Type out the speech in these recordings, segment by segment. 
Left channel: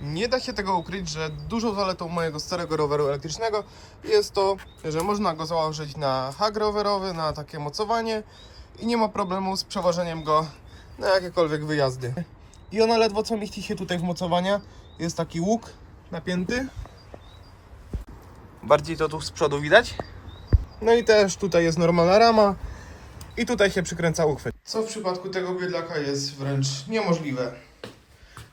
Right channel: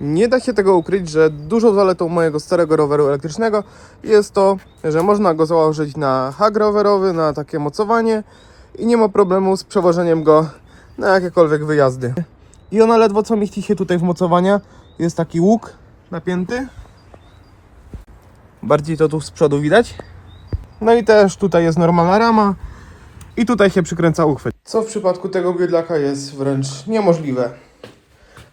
Nie da się tego ukryć, że dużą zaletą mojego starego roweru elektrycznego jest to, że można go założyć na hak rowerowy, na takie mocowanie i nie ma problemu z przewożeniem go na jakiekolwiek wyjazdy. I ona ledwo co mieści się tutaj w mocowania. Jest taki łuk napięty. Bardziej to tu z przodu widać. No i też tutaj jest normalna rama i tutaj się przykręca uchwyt. Co w przypadku tego bydlaka jest wręcz niemożliwe.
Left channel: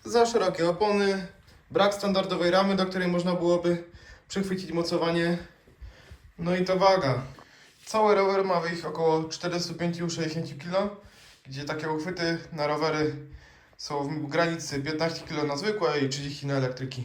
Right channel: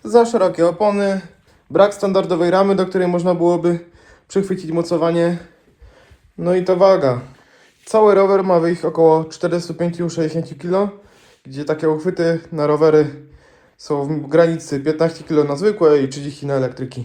Za szerokie opony, brak standardowej ramy, do której można byłoby przychwycić mocowanie. No i to waga. Cały rower ma wyjść około 45-60 kg, gdzie takie uchwyty na rowery są w granicy 15 kg na zwykłe i 30 na elektryki.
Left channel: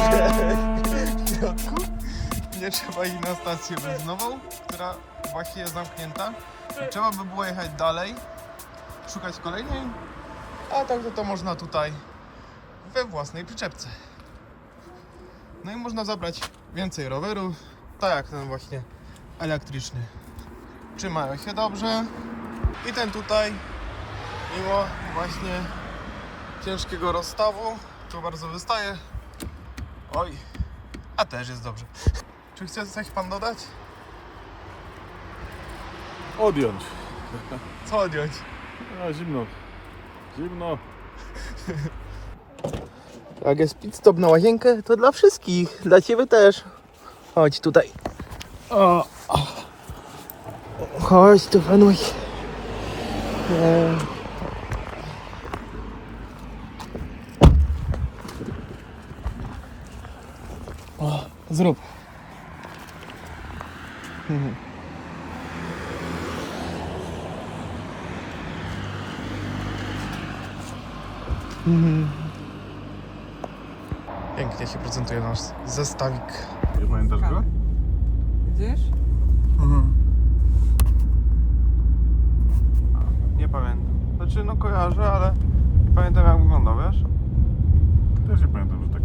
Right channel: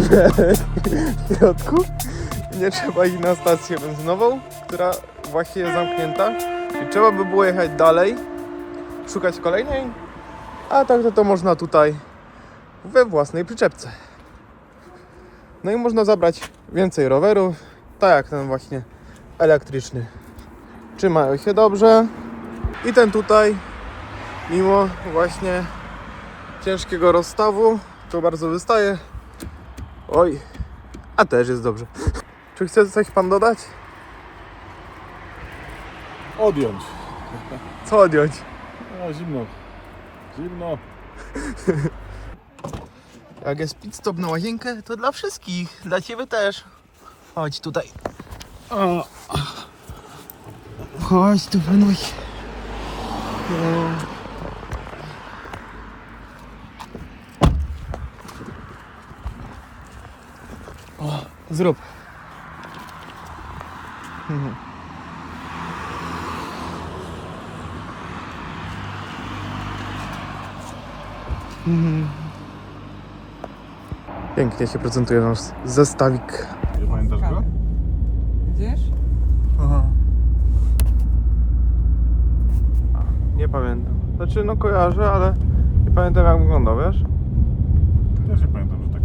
w środku. Nie trzeba iść na stację benzynową, która właśnie jest zamknięta. I trzeba by było jechać dalej, szukać kolejnej, a tak to, to można tutaj we własnej przyczepce. No i można zabrać więcej rowerów, tak jak ten właśnie elektryczny. Trzymają się dobrze. I ten tutaj, mimo właśnie ciężkiego rozstawu, to bardzo wystaje. Oj, a też jest dobrze. Czy chce coś pan dodać? Odjąć. Co odjąć? A, zimno. Zimno. Jak jest pit stop na łazienkę, to dla wszystkich, dla ciebie też. Chodź tutaj. O. Chodź tu, panuś. E. O, zrób. Mhm. Mhm. Pięknie się prezentuje nasz zestawik. Nie pamiętasz go? Widzisz? Nie pamiętam. Znaczy, no kojarzę, ale nie pamiętam jak wyglądał, wiesz? Też nie pamiętam, że dół.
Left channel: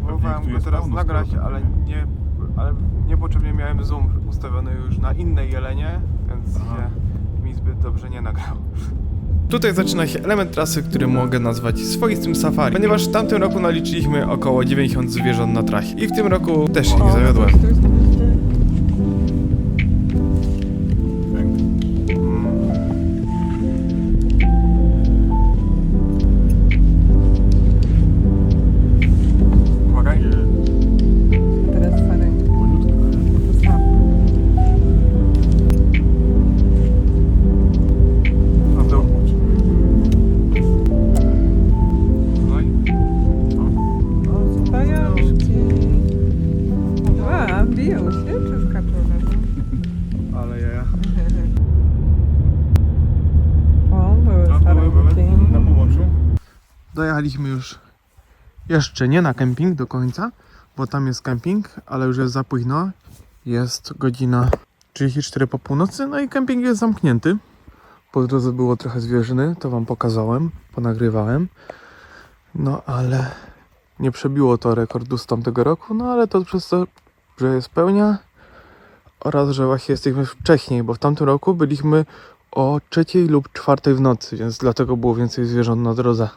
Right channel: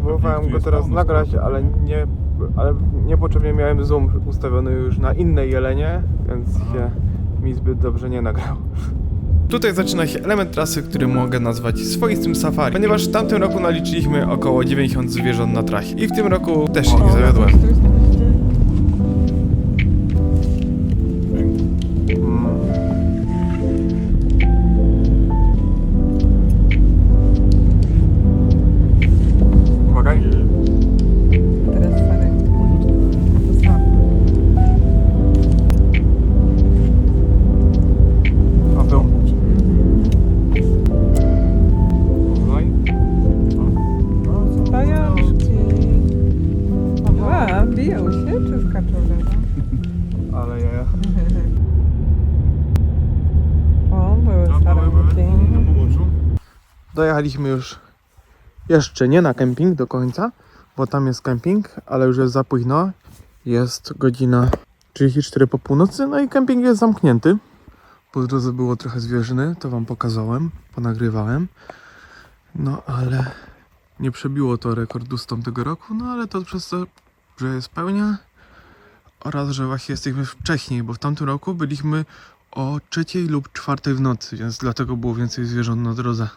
Próbowałem go teraz nagrać, ale nie, ale niepotrzebnie miałem zoom ustawiony już na innej jelenie, więc się mi zbyt dobrze nie nagrał. Tutaj zaczyna się element trasy, który mogę nazwać swoistym safari, ponieważ w tamtym roku naliczyliśmy około 90 zwierząt na trasie i w tym roku też się nie zawiodłem. Dojechaliśmy już jeszcze nie na kemping do końca, bo tam jest kemping, ale już jest za późno. Jest godzina 34 po północy, no i kemping jest zamknięty. Po drodze było trochę zwierzyny, to wam pokazałem, ponagrywałem. No ale nie przebiło to rekordu z tamtego roku, no ale to przez to, że jest pełnia oraz, że właśnie jesteśmy wcześniej, bo w tamtym roku byliśmy o trzeciej lub czwartej w nocy, więc dlatego było więcej zwierząt na drodze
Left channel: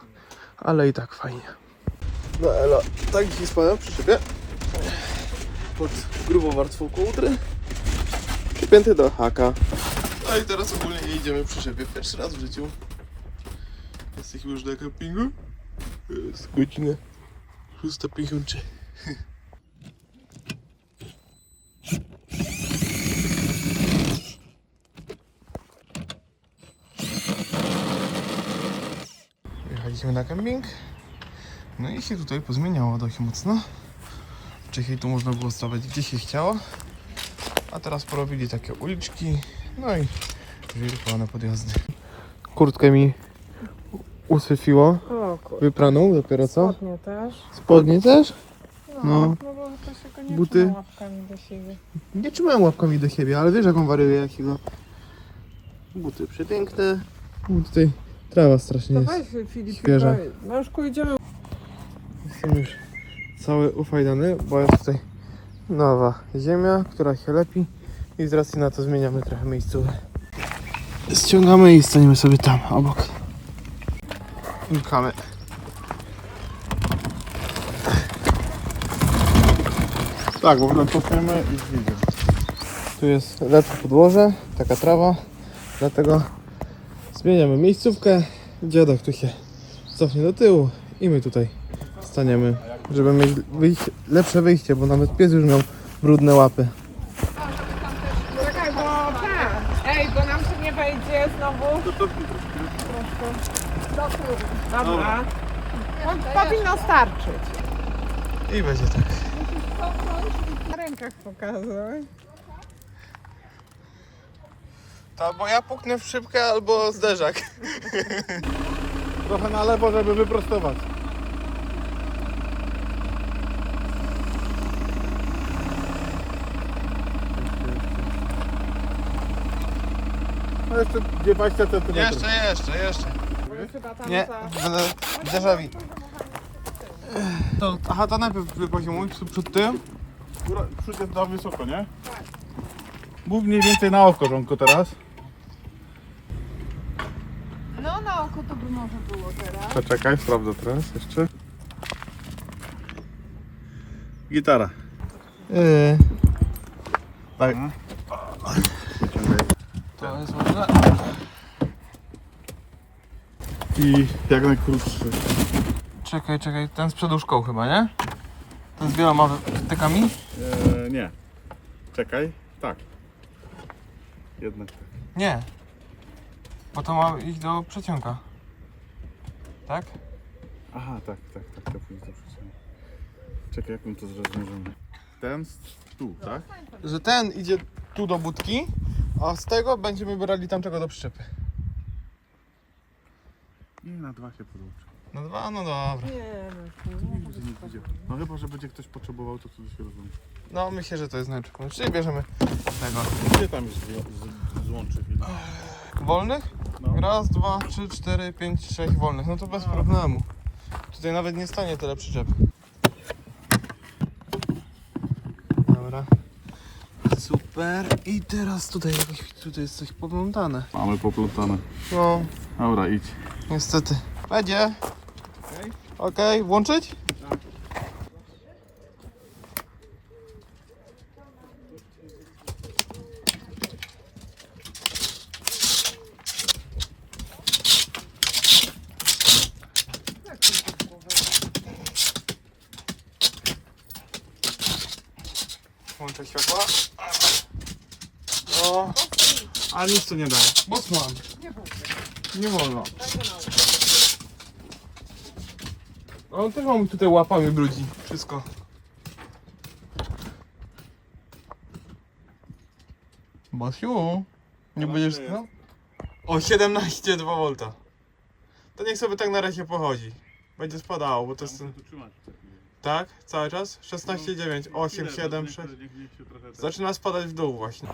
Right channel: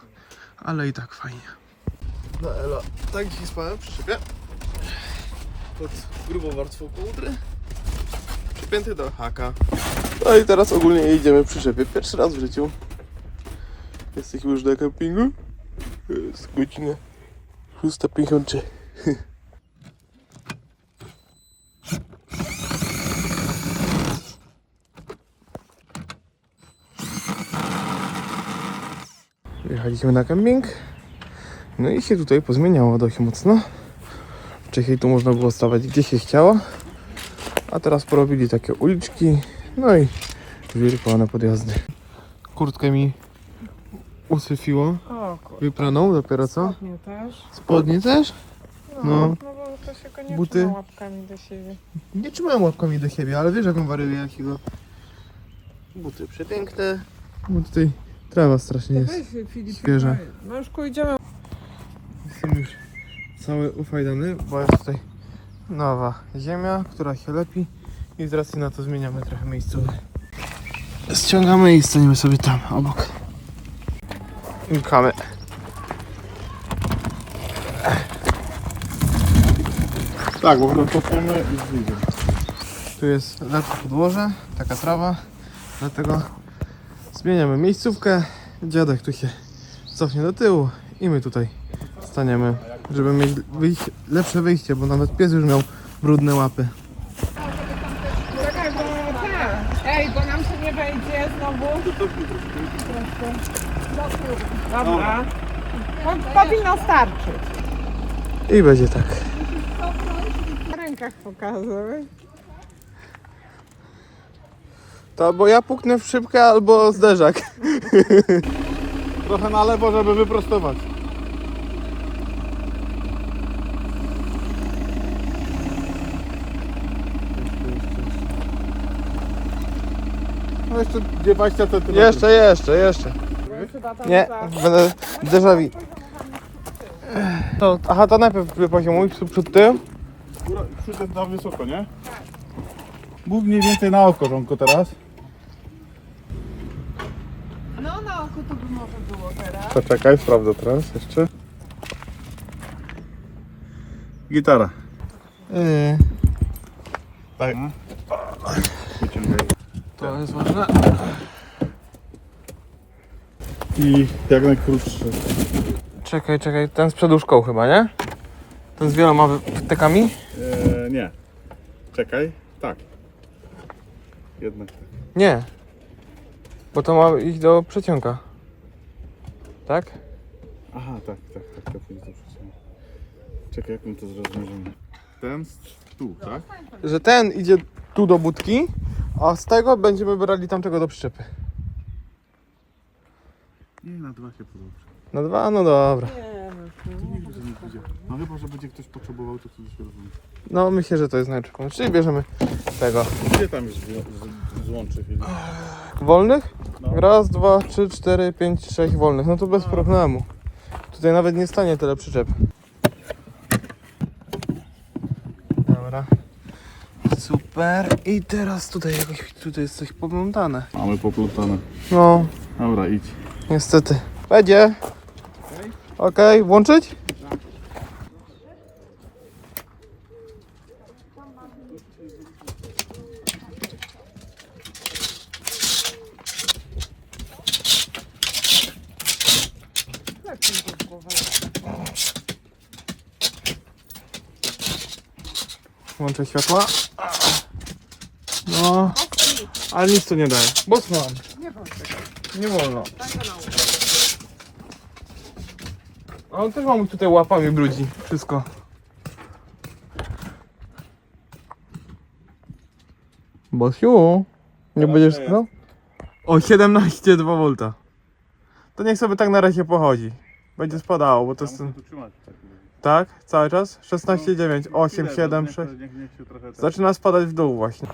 ale i tak fajnie. No elo, tak dzisiaj spałem przy szybie. Pod grubą warstwą kołdry. Przypięty do haka. No i teraz ogólnie jedziemy przy szybie. Pierwszy raz w życiu. Jesteśmy już na kempingu. Jest godzina 6.53. Jechaliśmy na kemping. No i się tutaj pozmieniało dość mocno. Wcześniej tu można było stawać gdzie się chciało. A teraz porobili takie uliczki, no i zwirkowane podjazdy. Kurtkę mi usyfiło, wypraną dopiero co. Nie też. Spodnie też? No. No, bo to się go nie Buty? Nie trzymałem łapkami do siebie, ale wiesz jaką wariuję jakiego. Buty przepiękne. Bo tutaj trawa strasznie jest. Filip, świeża. No już idziemy. Jestem już cały ufajdany, bo jest tutaj nowa ziemia, która się lepi i z racji na to zmieniamy trochę miejscówkę. Ściągamy i staniemy sobie tam, obok. Milkamy. Tak, bo kopiemy i zwidzę. Tu jest lepsze podłoże, taka trawa, dlatego zmieniamy miejscówkę. Dziadek tu się cofnie do tyłu i my tutaj staniemy, żeby mieć wyjście, lepsze wyjście, bo nawet pies już miał brudne łapy. Czekaj, bo tak. Ej, bo nam się nie wejdzie znowu. Proszę. Dobra. Po, powinno starczyć. I będzie tak. Na rękach pokazałeś. To albo ja puknę w szybkę, albo zderzak. Trochę na lewo, żeby wyprostować. No jeszcze 20 cm. Jeszcze, jeszcze, jeszcze. Nie, będę drzewawi. To, aha, to najpierw wypoziomuj. Góra, przód jest na wysoko, nie? Mów mniej więcej na oko, Żonko, teraz. No na oko to by może teraz. Poczekaj, sprawdzę teraz jeszcze. Gitara. Yy, Tak. to jest ważne. I jak najkrótszy. Czekaj, czekaj, ten z przeduszką chyba, nie? Ten z wieloma wtekami? Eee, nie. Czekaj. Tak. Jednak tak. Nie. Bo to ma iść do przeciąga. Tak? Aha, tak, tak, tak, to pójdzie do przeciągu. Czekaj, jak my to zrozumiemy. Ten z tu, tak? Że ten idzie tu do budki, a z tego będziemy brali tamtego do przyczepy. Nie, na dwa się podłączy. Na dwa? No dobra. No chyba, że będzie ktoś potrzebował, to wtedy się rozumie. No myślę, że to jest najlepszy pomysł. Czyli bierzemy tego. Gdzie tam jest zło- z- złącze? Wolnych? No. Raz, dwa, trzy, cztery, pięć, sześć wolnych. No to bez problemu. Tutaj nawet nie stanie tyle przyczep. Dobra. Super. I teraz tutaj jakoś, tutaj jest coś poplątane. Mamy poplątane. No, Dobra, idź. niestety. Będzie. Okej, włączyć? Włączę światła. No, ale nic to nie daje. Bosman. Nie wolno. On też mam tutaj łapami brudzi. Wszystko. Bosiu, nie będziesz no? O 17,2 V. To niech sobie tak na razie pochodzi. Będzie spadało, bo to jest ten... Tak? Cały czas? 16,9, 8, 7, 6. Niech, niech się trochę... tak- Zaczyna spadać w dół właśnie.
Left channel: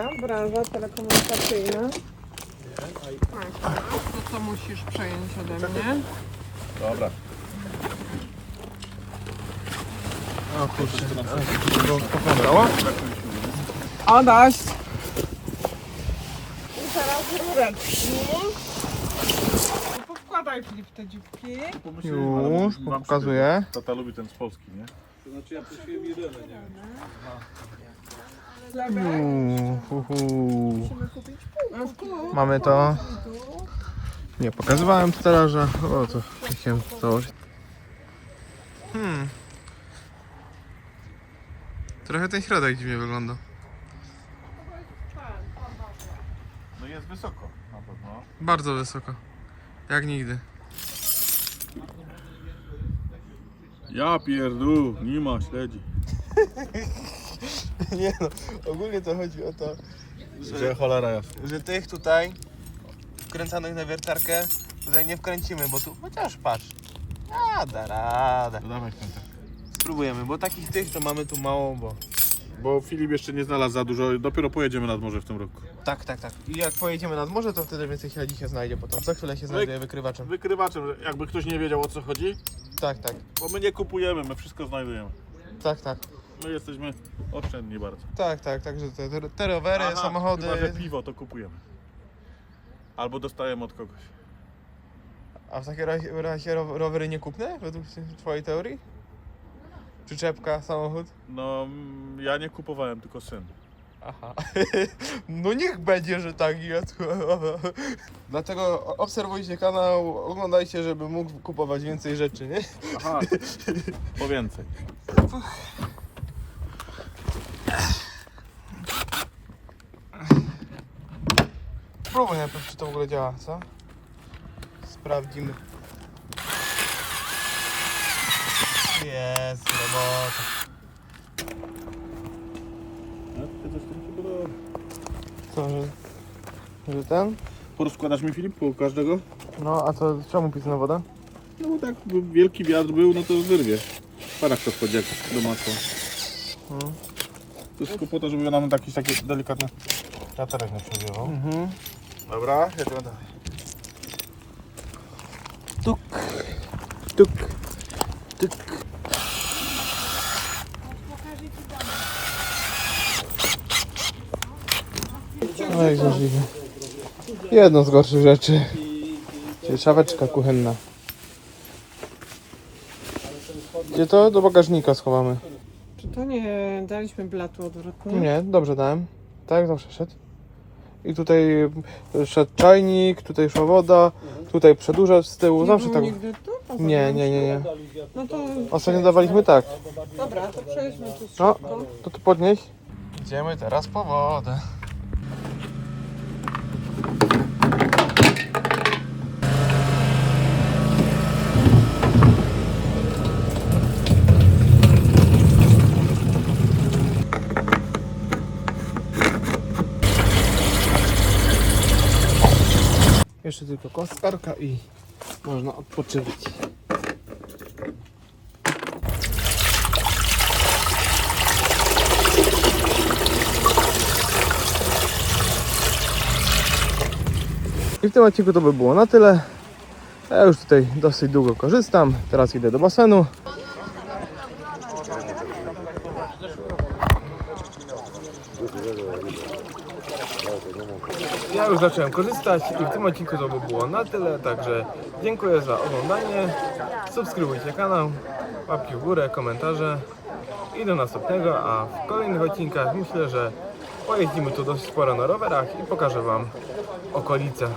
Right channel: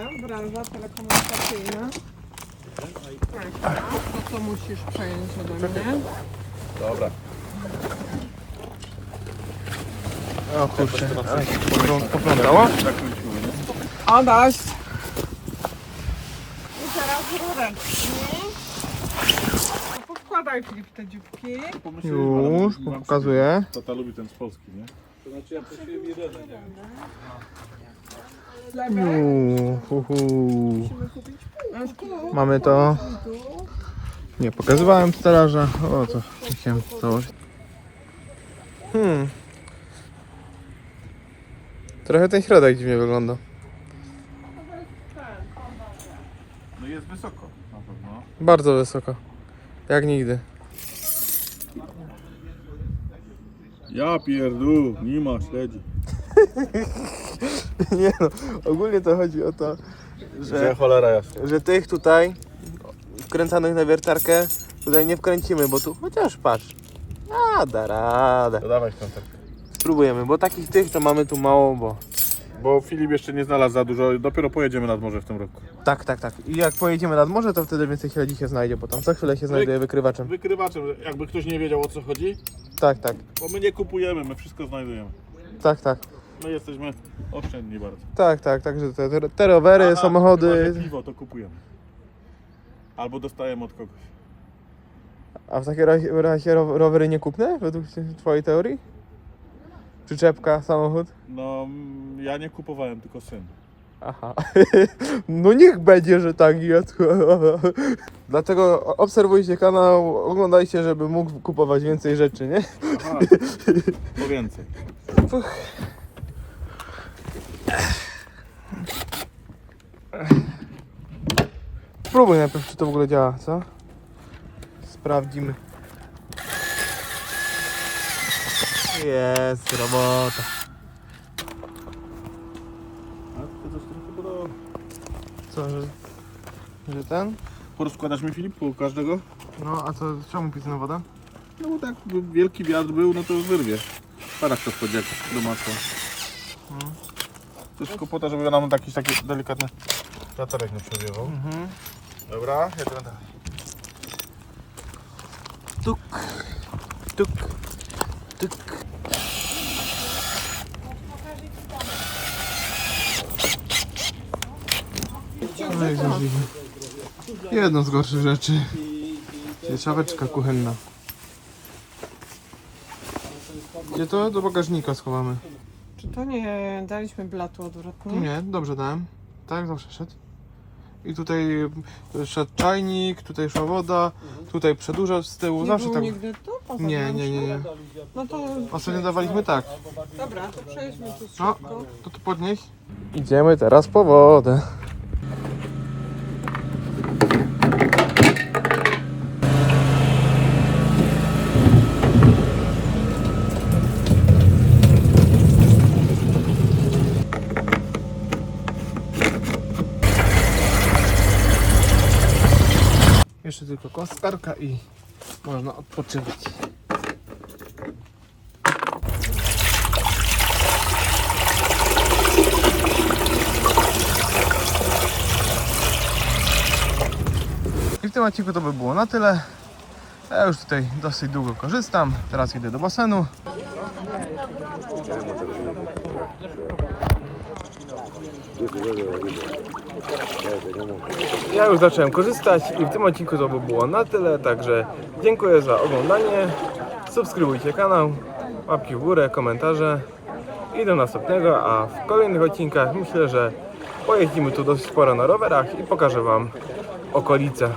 Twoja branża telekomunikacyjna. Tak, to co musisz przejąć ode mnie? Dobra. O kurczę, ale się to poplątało. Adaś! I teraz rureczki. Podkładaj Filip te dzióbki. Już, pokazuję. Tata lubi ten z Polski, nie? Uuu, hu, hu. Mamy to. Nie pokazywałem stelaża. O to chciałem założyć. Hmm. Trochę ten środek dziwnie wygląda. No jest wysoko na pewno. Bardzo wysoko. Jak nigdy. Ja pierdu, nie ma śledzi. Nie no, ogólnie to chodzi o to, Że cholera jasna. że tych tutaj wkręcanych na wiertarkę tutaj nie wkręcimy, bo tu chociaż patrz. A, da radę. To dawaj kontakt. Spróbujemy, bo takich tych to mamy tu mało, bo... Bo Filip jeszcze nie znalazł za dużo, dopiero pojedziemy nad morze w tym roku. Tak, tak, tak. I jak pojedziemy nad morze, to wtedy więcej śledzi się znajdzie, bo tam co chwilę się znajduje wykrywaczem. Wykrywaczem, że jakby ktoś nie wiedział o co chodzi, Tak, tak, bo my nie kupujemy, my wszystko znajdujemy. tak, tak. My jesteśmy oszczędni bardzo. Tak, tak, także te, te rowery, Aha, Chyba, samochody. że piwo to kupujemy. Albo dostajemy od kogoś. A w takim razie, razie ro- rowery nie kupne, według twojej teorii? Przyczepka, samochód? No, mm, ja nie kupowałem, tylko syn. Aha. No niech będzie, że tak jest. Dlatego obserwujcie kanał, oglądajcie, żeby mógł kupować więcej rzeczy, nie? Aha, po więcej. Spróbuj najpierw, czy to w ogóle działa, co? Sprawdzimy. Jest robota. Co, że, że ten? Porozkładasz mi Filip po każdego? No, a co, czemu pisana woda? No bo tak by wielki wiatr był, no to wyrwie. Parak to wchodzi jak do masła. Mhm. Tylko po to, żeby nam taki, taki delikatny wiaterek nie przewiewał. Mhm. Dobra, jedziemy dalej. Tuk, tuk, tuk. Oj, możliwe. Jedno z gorszych rzeczy. Czyli szafeczka kuchenna. Gdzie to? Do bagażnika schowamy. Czy to nie daliśmy blatu odwrotnie? Nie, dobrze dałem. Tak, zawsze szedł. I tutaj szedł czajnik, tutaj szła woda, tutaj przedłużacz z tyłu, Nie zawsze było tak. nigdy tu? Poza Nie, nie, nie, nie. No to Ostatnio dawaliśmy tak. dobra, to przejdźmy tu No, szybko. to tu podnieś. Idziemy teraz po wodę. Jeszcze tylko kostkarka i można odpoczywać. I w tym odcinku to by było na tyle. Ja już tutaj dosyć długo korzystam. Teraz idę do basenu. Ja już zacząłem korzystać i w tym odcinku to by było na tyle. Także dziękuję za oglądanie. Subskrybujcie kanał, łapki w górę, komentarze i do następnego. A w kolejnych odcinkach myślę, że pojeździmy tu dosyć sporo na rowerach i pokażę Wam okolice